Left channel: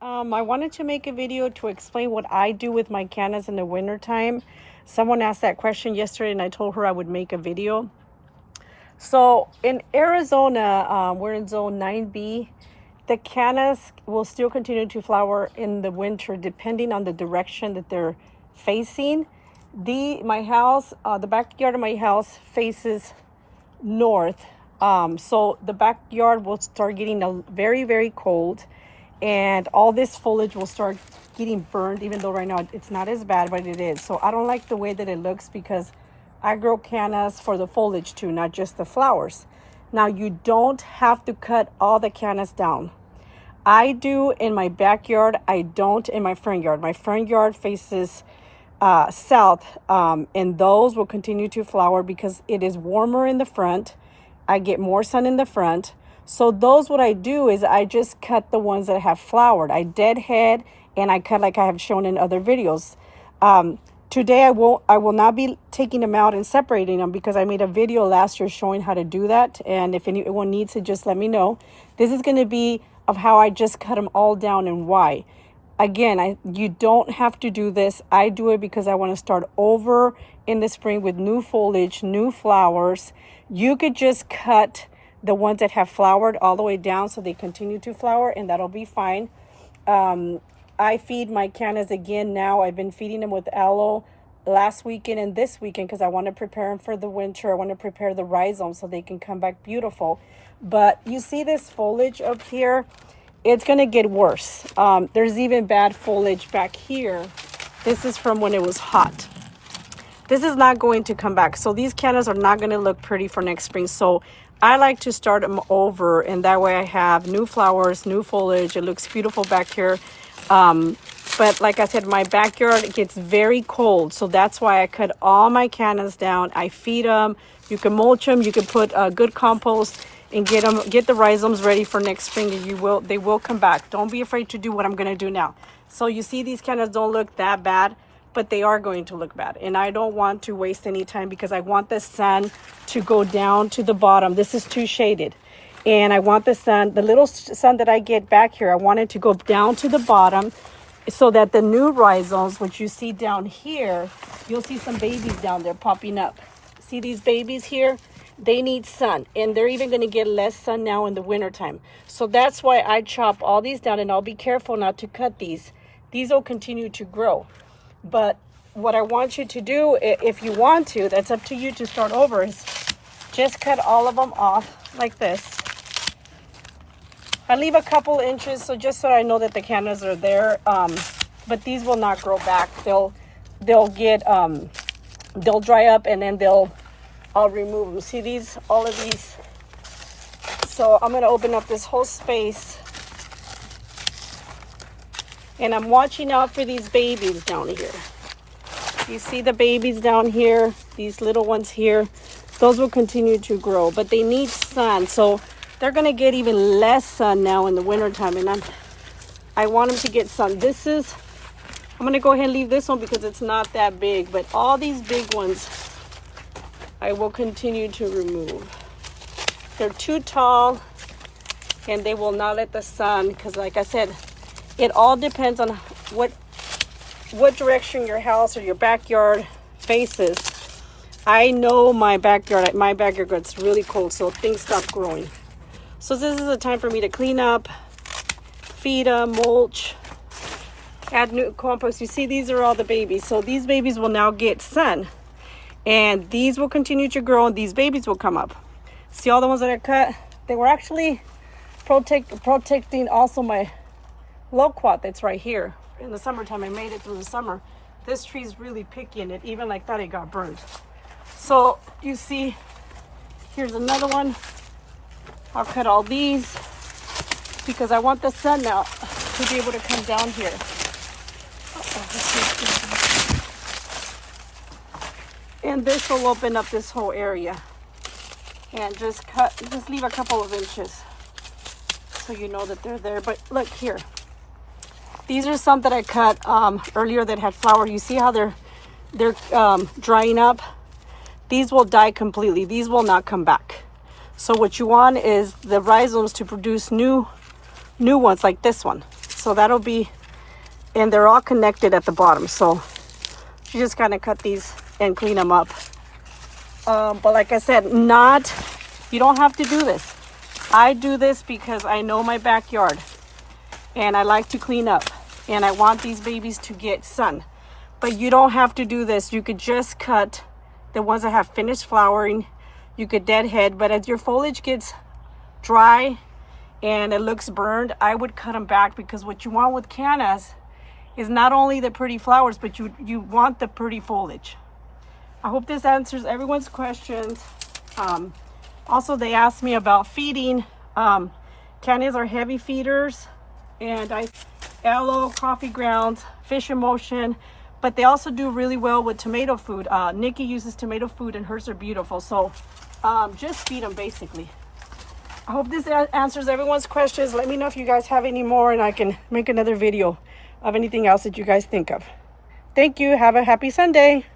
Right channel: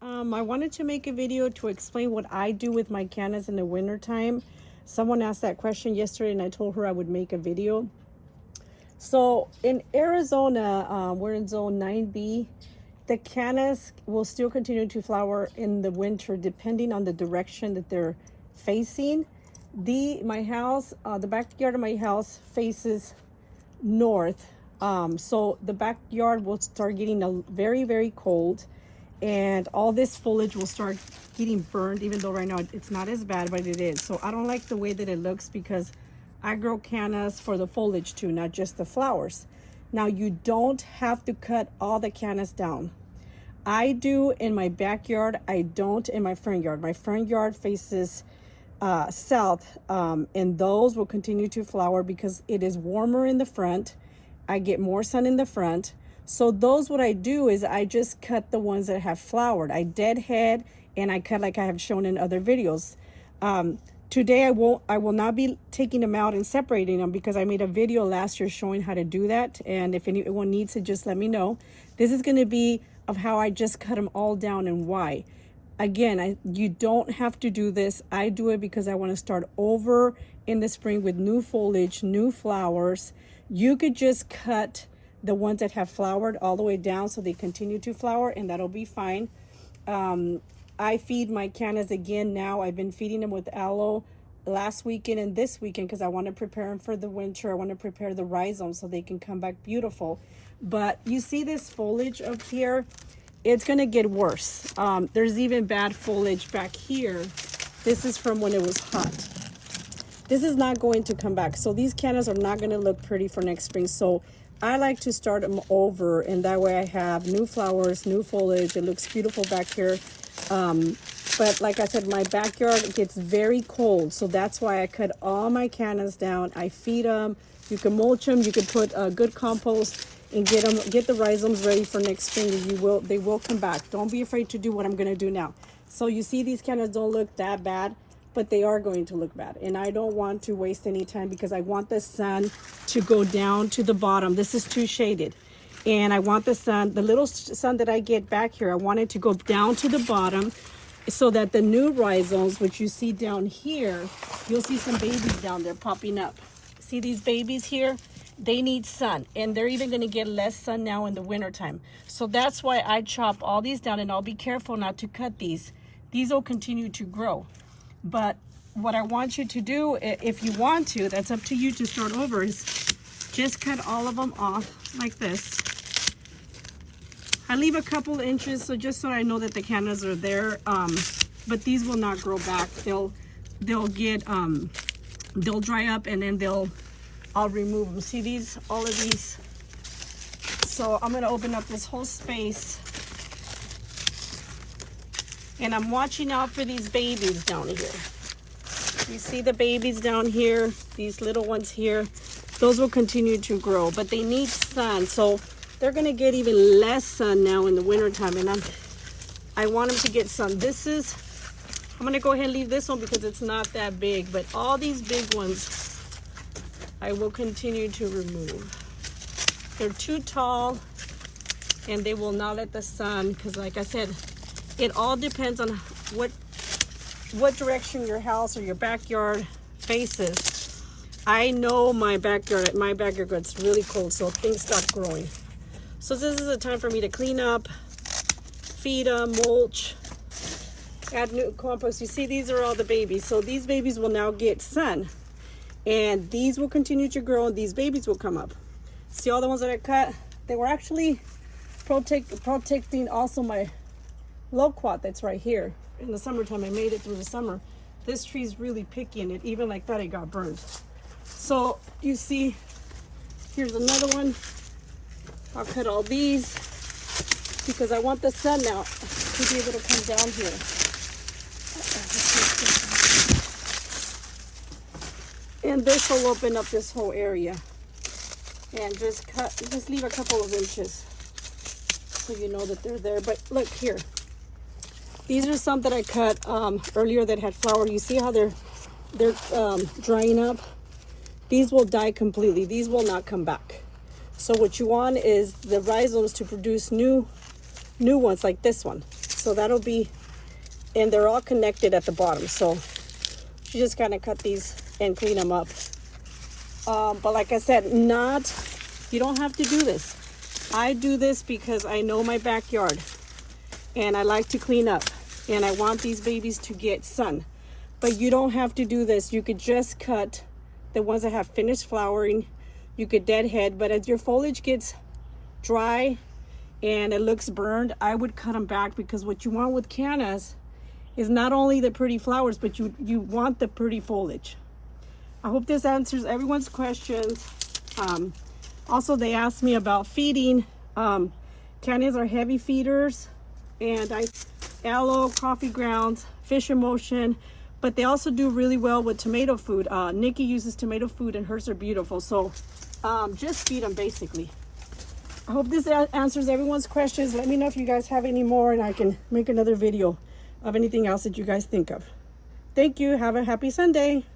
I wanted to make a video to explain what I do with my cannas in the wintertime. Someone asked that question yesterday and I told her I would make a video. So in Arizona, we're in zone 9B. The cannas will still continue to flower in the winter depending on the direction that they're facing. My house, the backyard of my house faces north. So the backyard will start getting very, very cold, and all this foliage will start getting burned, even though right now it's not as bad, but it is. So I don't like the way that it looks because I grow cannas for the foliage too, not just the flowers. Now you don't have to cut all the cannas down. I do in my backyard. I don't in my front yard. My front yard faces south, and those will continue to flower because it is warmer in the front. I get more sun in the front. So those, what I do is I just cut the ones that have flowered. I deadhead and I cut like I have shown in other videos. Today I will not be taking them out and separating them because I made a video last year showing how to do that. And if anyone needs it, just let me know. This is going to be of how I just cut them all down and why. Again, you don't have to do this. I do it because I want to start over in the spring with new foliage, new flowers. You could just cut the ones that have flowered all the way down so they continue to flower, and that'll be fine. I feed my cannas again now. I've been feeding them with aloe last weekend and this weekend because I want to prepare them for the winter. I want to prepare the rhizomes so they can come back beautiful. But you see this foliage up here? It's going to get worse. There's even bad foliage back here. This is from when it was hot. This is not going to come back. So these cannas are not going to look pretty for next spring. So I like to start them over, and that way I have new flowers, new foliage. It looks beautiful back here. But like I said, my backyard gets very cold. So that's why I cut all my cannas down. I feed them. You can mulch them. You can put good compost and get the rhizomes ready for next spring, and they will come back. Don't be afraid to do what I'm going to do now. So you see these cannas don't look that bad, but they are going to look bad. And I don't want to waste any time because I want the sun to go down to the bottom. This is too shaded. And I want the sun, the little sun that I get back here, I want it to go down to the bottom so that the new rhizomes, which you see down here, you'll see some babies down there popping up. See these babies here? They need sun, and they're even going to get less sun now in the wintertime. So that's why I chop all these down, and I'll be careful not to cut these. These will continue to grow. But what I want you to do, if you want to, that's up to you to start over, is just cut all of them off like this. I leave a couple inches so just so I know that the cannas are there. But these will not grow back. They'll dry up, and then I'll remove them. See these, all of these. So I'm going to open up this whole space. And I'm watching out for these babies down here. You see the babies down here, these little ones here. Those will continue to grow, but they need sun. So they're going to get even less sun now in the wintertime. And I want them to get sun. I'm going to go ahead and leave this one because it's not that big. But all these big ones, I will continue to remove. They're too tall, and they will not let the sun, because like I said, it all depends on what direction your house or your backyard faces. I know my backyard gets really cold, so things start growing. So this is a time for me to clean up, feed them, mulch, add new compost. You see, these are all the babies. So these babies will now get sun, and these will continue to grow, and these babies will come up. See all the ones that I cut? They were actually protecting also my loquat that's right here. In the summertime, I made it through the summer. This tree is really picky, and it even like that, it got burned. So you see, here's another one. I'll cut all these because I want the sun now to be able to come down here. And this will open up this whole area. And just leave a couple of inches so you know that they're there. But look here. These are some that I cut earlier that had flower. You see how they're drying up? These will die completely. These will not come back. So what you want is the rhizomes to produce new ones like this one. So that'll be, and they're all connected at the bottom. So you just kind of cut these and clean them up. But like I said, you don't have to do this. I do this because I know my backyard and I like to clean up and I want these babies to get sun. But you don't have to do this. You could just cut the ones that have finished flowering. You could deadhead, but as your foliage gets dry and it looks burned, I would cut them back, because what you want with cannas is not only the pretty flowers, but you want the pretty foliage. I hope this answers everyone's questions. Also, they asked me about feeding. Cannas are heavy feeders, and aloe, coffee grounds, fish emulsion, but they also do really well with tomato food. Nikki uses tomato food and hers are beautiful. So just feed them basically. I hope this answers everyone's questions. Let me know if you guys have any more and I can make another video of anything else that you guys think of. Thank you. Have a happy Sunday.